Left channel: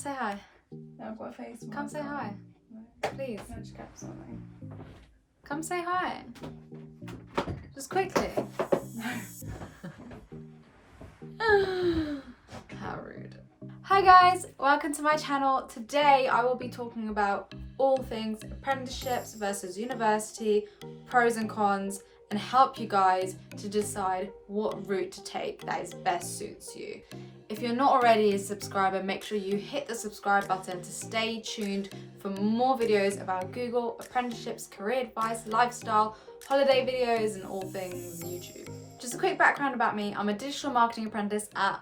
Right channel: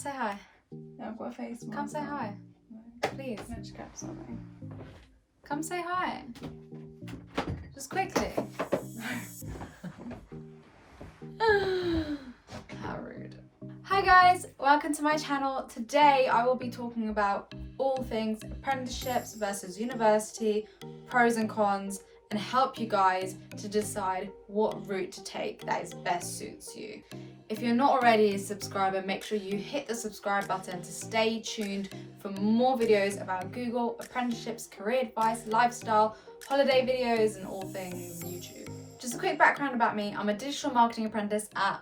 say hi. Yeah, I've got a face mask. Come say hi. Please. I just grab something. Come say hi. Just quickly. How rude. Hi guys, welcome to my channel. Today I will be talking about all things apprenticeships versus university, pros and cons, and help you guys to decide what route to take that is best suits you. If you're not already a subscriber, make sure you hit the subscribe button to stay tuned for more videos about Google, apprenticeships, career advice, lifestyle, holiday videos, and all things YouTube. Just a quick background about me. I'm a digital marketing apprentice at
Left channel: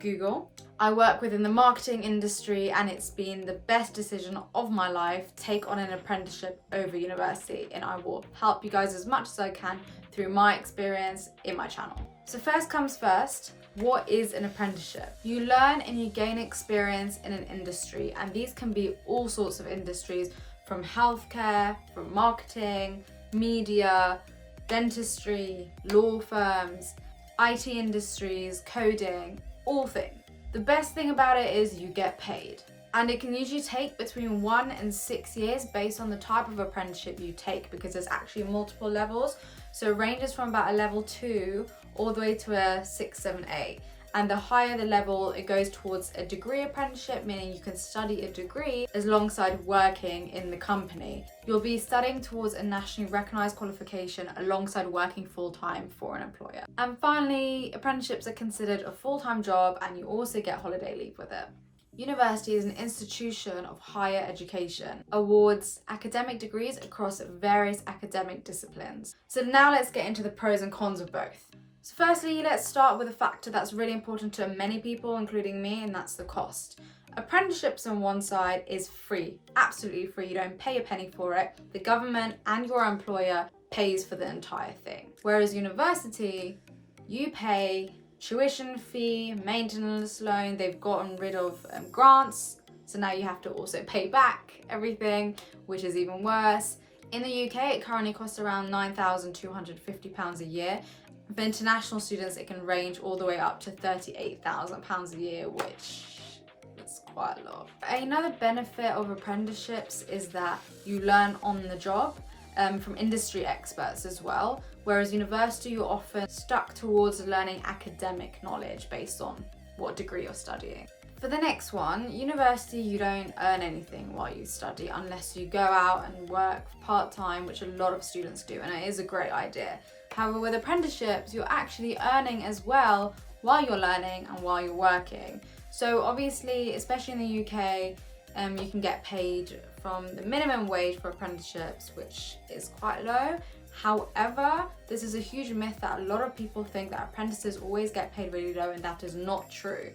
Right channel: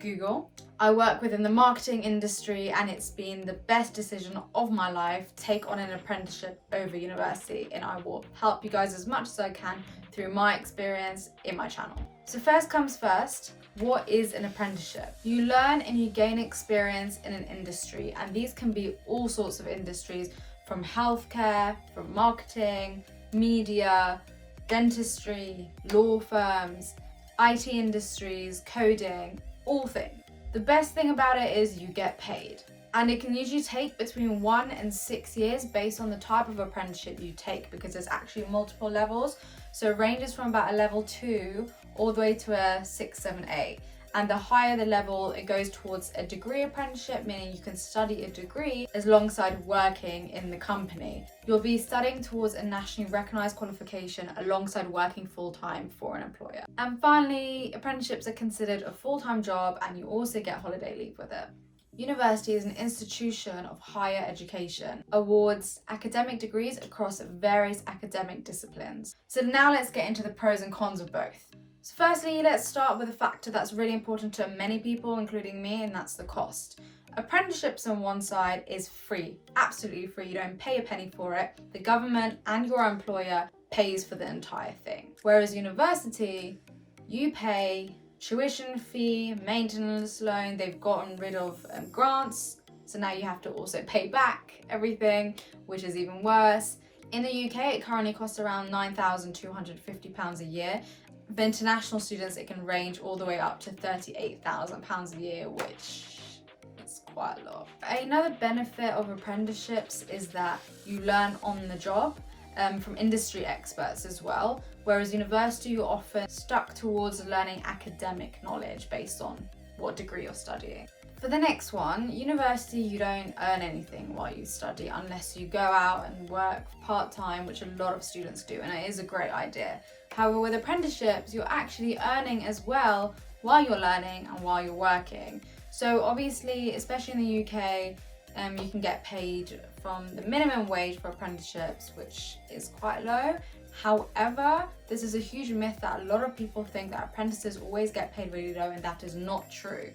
Google. I work within the marketing industry and it's been the best decision of my life to take on an apprenticeship over university, and I will help you guys as much as I can through my experience in my channel. So first comes first, what is an apprenticeship? You learn and you gain experience in an industry, and these can be all sorts of industries, from healthcare, from marketing, media, dentistry, law firms, IT industries, coding, all things. The best thing about it is you get paid, and it can usually take between 1 and 6 years based on the type of apprenticeship you take, because there's actually multiple levels. So it ranges from about a level 2 all the way to a 6, 7, 8. And the higher the level, it goes towards a degree apprenticeship, meaning you can study a degree alongside working in the company. You'll be studying towards a nationally recognised qualification alongside working full-time for an employer. And finally, apprenticeships are considered a full-time job, and you also get holiday leave with it. University is an institution of higher education, awards academic degrees across various academic disciplines. So now let's get into the pros and cons of both. So firstly, let's start with a factor that's really important to many people, including me, and that's the cost. Apprenticeships on one side is free, absolutely free. You don't pay a penny for it. The government and your employer pays for the entire thing. Whereas university, you pay tuition fee, maintenance loan. They've gotten rid of grants, so now you have to also pay back everything, which is even worse. In the UK, it currently costs around £9,250 a year. For international students, it can range all the way up to £38,000 a year, which is quite a lot. Another benefit of apprenticeships is that you learn on the job from industry experts as well, whereas university, you're often stuck towards learning academic knowledge based on what degree you're studying. For the next one, university, you don't earn anything while you study unless you go out and work part-time, which a lot of students do, and it is a great idea. However, with apprenticeships, you're actually earning as well while you're learning and while you're working. So obviously, especially in the UK, you can get paid from the minimum wage for apprenticeships, which is quite low. However, this is a huge myth that a lot of people think that apprentices always get paid really low, and that is not true.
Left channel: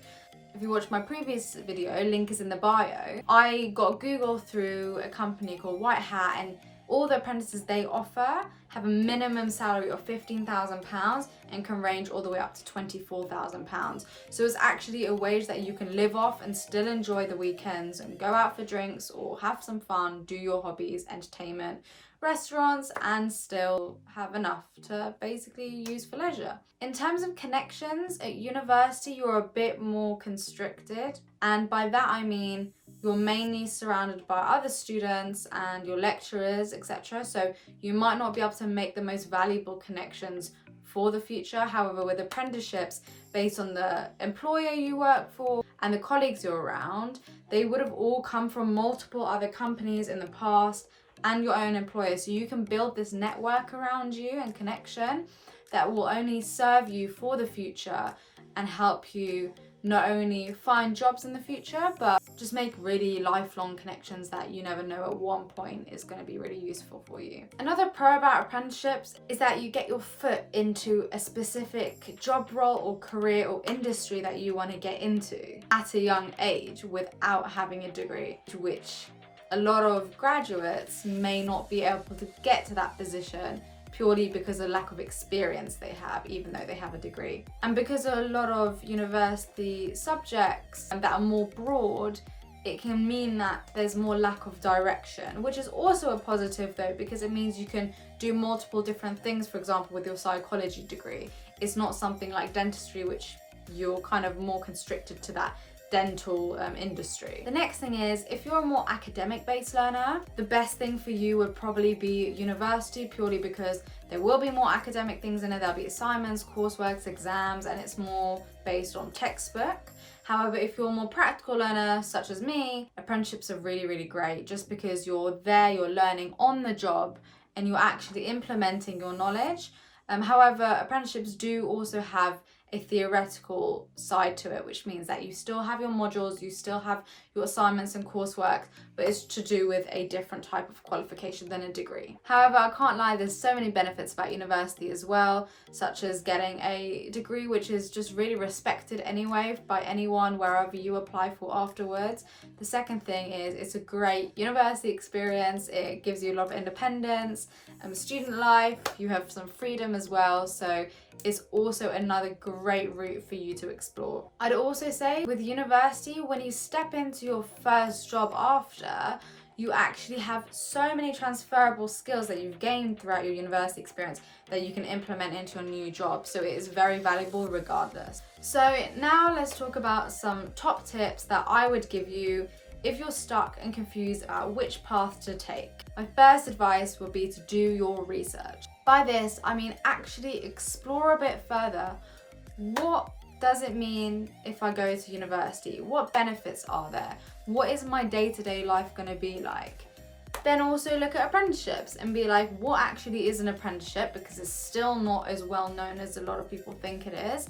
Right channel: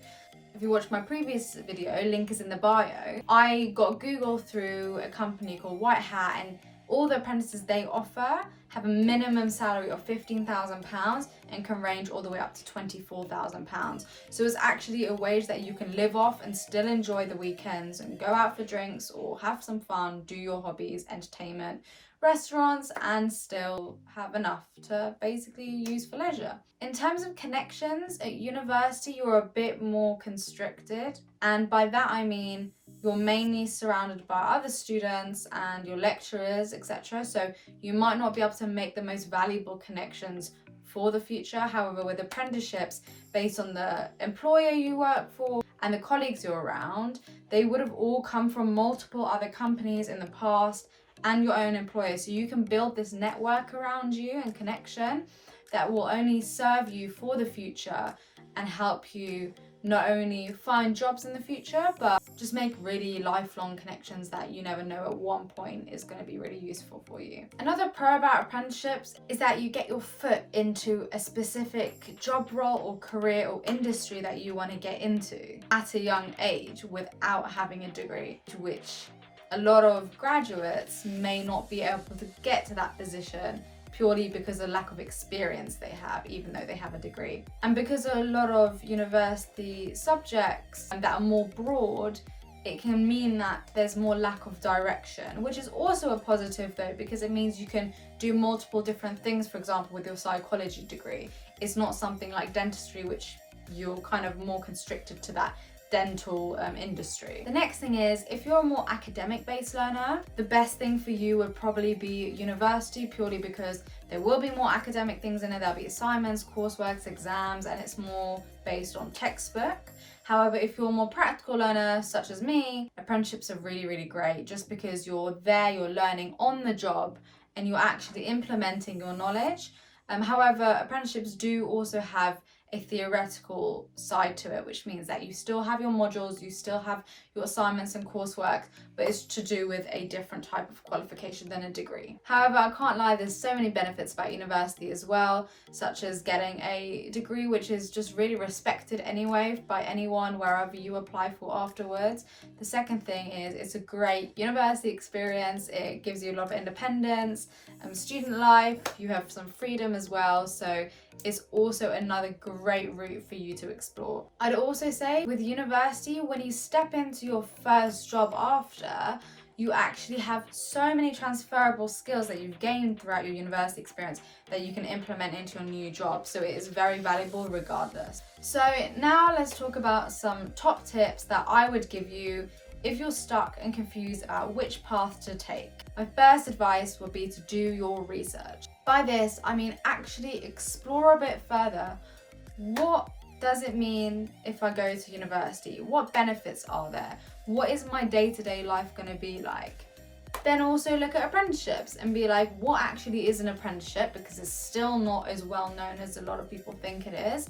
If you watched my previous video, link is in the bio. I got Google through a company called White Hat, and all the apprentices they offer have a minimum salary of £15,000 and can range all the way up to £24,000. So it's actually a wage that you can live off and still enjoy the weekends and go out for drinks or have some fun, do your hobbies, entertainment, restaurants, and still have enough to basically use for leisure. In terms of connections, at university you're a bit more constricted, and by that I mean you're mainly surrounded by other students and your lecturers, etc. So you might not be able to make the most valuable connections for the future. However, with apprenticeships, based on the employer you work for and the colleagues you're around, they would have all come from multiple other companies in the past and your own employer. So you can build this network around you and connection that will only serve you for the future and help you not only find jobs in the future, but just make really lifelong connections that you never know at one point is going to be really useful for you. Another pro about apprenticeships is that you get your foot into a specific job role or career or industry that you want to get into at a young age without having a degree, to which a lot of graduates may not be able to get to that position purely because of the lack of experience they have, even though they have a degree. And because of a lot of university subjects that are more broad, it can mean that there's more lack of direction, which is also a positive though, because it means you can do multiple different things. For example, with your psychology degree, it's not something like dentistry, which you're kind of more constricted to that dental industry. The next thing is, if you're a more academic based learner, the best thing for you would probably be university, purely because there will be more academic things in it. There'll be assignments, coursework, exams, and it's more based on textbook. However, if you're a more practical learner, such as me, apprenticeships are really, really great, just because you're there, you're learning on the job, and you're actually implementing your knowledge. However, apprenticeships do also have a theoretical side to it, which means that you still have your modules, you still have your assignments and coursework, but it's to do with a different type of qualification than a degree. However, I can't lie, there's so many benefits about university as well, such as getting a degree which is just really respected anyway by anyone wherever you apply for afterwards. The second thing is, it's a great university experience. It gives you a lot of independence, student life, you have some freedom as well, so it's also another great route for you to explore. I'd also say with university, when you step into your first job after, you actually have so many transferable skills that you've gained throughout your university experience that you can implement into your new job. So it is very valuable regardless. So now let's talk about some top tips that I would give you if you're stuck and confused about which path to take. My first advice would be to do your research. By this, I mean actually explore a bit further. What does it mean if I go to university? What benefits are there? What is my day-to-day life going to be like? Then also look at apprenticeships and be like, what actually is an apprenticeship? Because it's still not as well known as a lot of people think it is.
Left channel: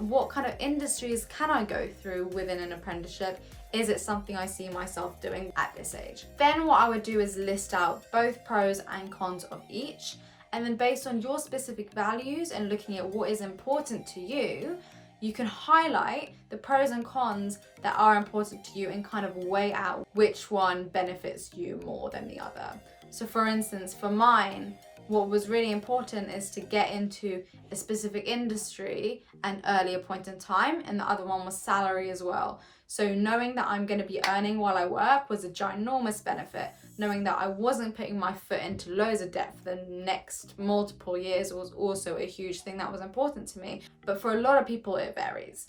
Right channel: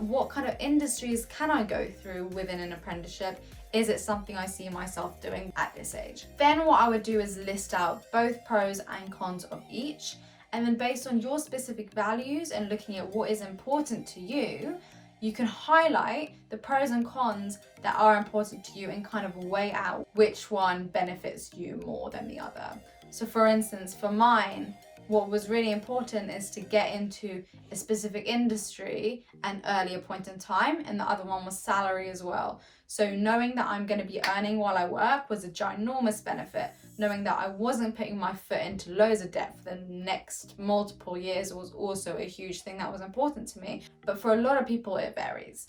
What kind of industries can I go through within an apprenticeship? Is it something I see myself doing at this age? Then what I would do is list out both pros and cons of each. And then based on your specific values and looking at what is important to you, you can highlight the pros and cons that are important to you and kind of weigh out which one benefits you more than the other. So for instance, for mine, what was really important is to get into a specific industry at an earlier point in time, and the other one was salary as well. So knowing that I'm going to be earning while I work was a ginormous benefit. Knowing that I wasn't putting my foot into loads of debt for the next multiple years was also a huge thing that was important to me. But for a lot of people, it varies.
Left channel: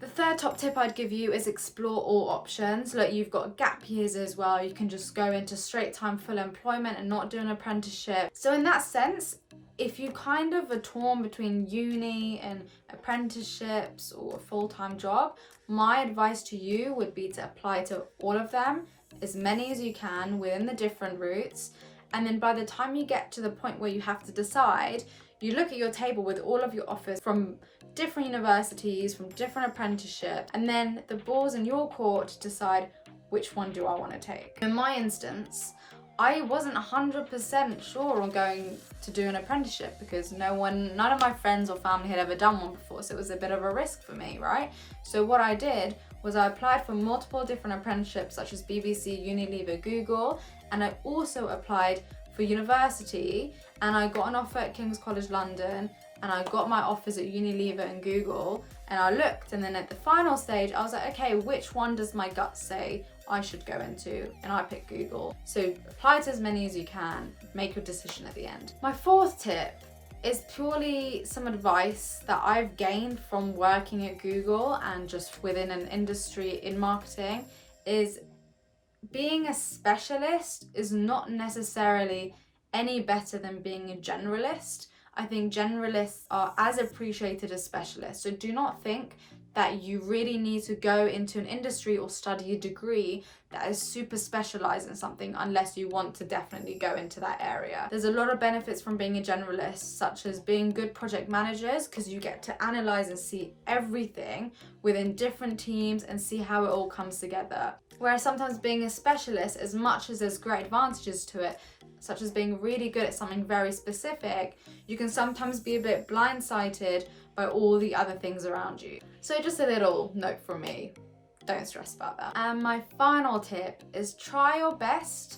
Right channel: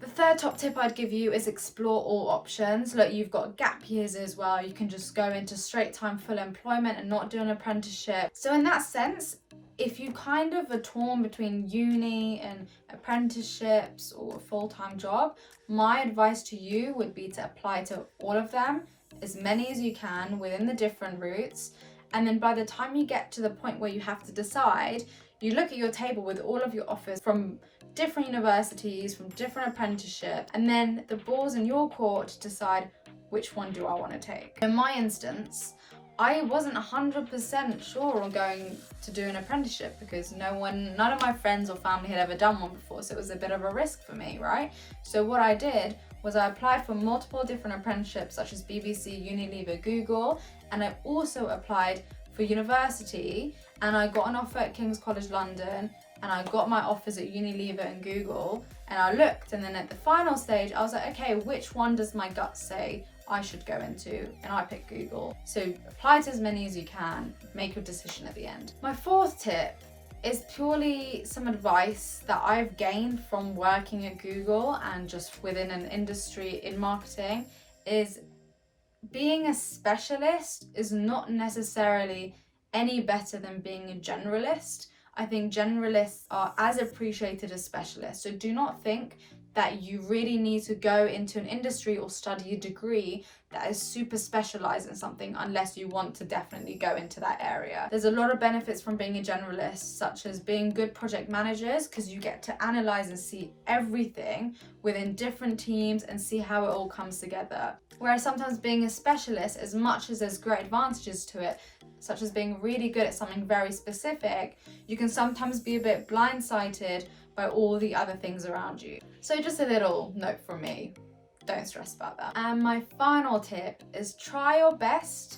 The third top tip I'd give you is explore all options. Look, you've got gap years as well. You can just go into straight time full employment and not do an apprenticeship. So in that sense, if you kind of are torn between uni and apprenticeships or a full-time job, my advice to you would be to apply to all of them, as many as you can within the different routes. And then by the time you get to the point where you have to decide, you look at your table with all of your offers from different universities, from different apprenticeships, and then the ball's in your court to decide which one do I want to take. In my instance, I wasn't 100% sure on going to do an apprenticeship because none of my friends or family had ever done one before, so it was a bit of a risk for me, right? So what I did was I applied for multiple different apprenticeships such as BBC, Unilever, Google, and I also applied for university, and I got an offer at King's College London, and I got my offers at Unilever and Google, and I looked, and then at the final stage I was like, okay, which one does my gut say I should go into? And I picked Google. So apply to as many as you can, make your decision at the end. My fourth tip is purely some advice that I've gained from working at Google and just within an industry in marketing, is being a specialist is not necessarily any better than being a generalist. I think generalists are as appreciated as specialists. So do not think that you really need to go into an industry or study a degree that is super specialized in something unless you want to definitely go into that area. There's a lot of benefits from being a generalist, such as being good project managers, because you get to analyze and see everything within different teams and see how it all comes together. Whereas sometimes being a specialist, as much as there's great advantages to it, such as being really good at something very specific, you can sometimes be a bit blindsided by all the other things around you. So just a little note from me, don't stress about that. And my final tip is try your best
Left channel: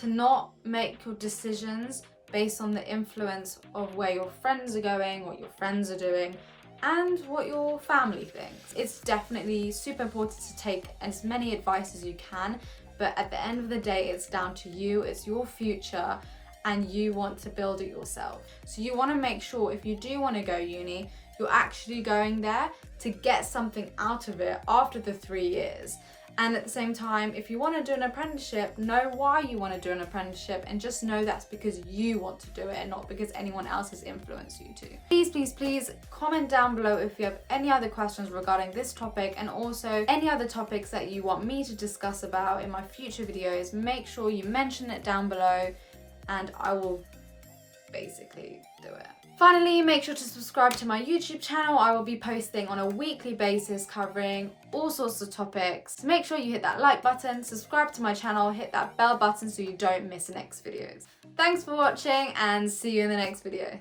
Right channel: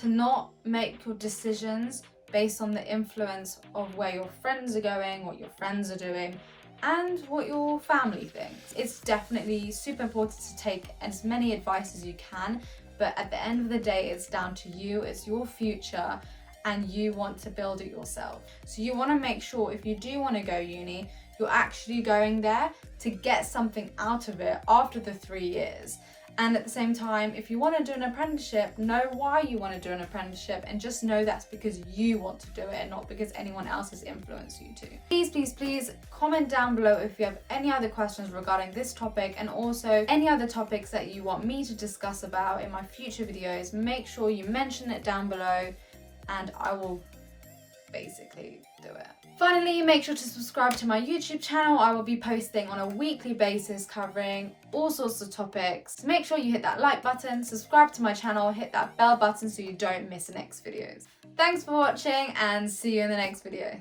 to not make your decisions based on the influence of where your friends are going, what your friends are doing, and what your family thinks. It's definitely super important to take as many advice as you can, but at the end of the day, it's down to you, it's your future, and you want to build it yourself. So you want to make sure if you do want to go uni, You're actually going there to get something out of it after the 3 years. And at the same time, if you want to do an apprenticeship, know why you want to do an apprenticeship and just know that's because you want to do it and not because anyone else has influenced you to. Please comment down below if you have any other questions regarding this topic and also any other topics that you want me to discuss about in my future videos. Make sure you mention it down below and I will basically do it. Finally, make sure to subscribe to my YouTube channel. I will be posting on a weekly basis covering all sorts of topics. Make sure you hit that like button, subscribe to my channel, hit that bell button so you don't miss the next videos. Thanks for watching and see you in the next video.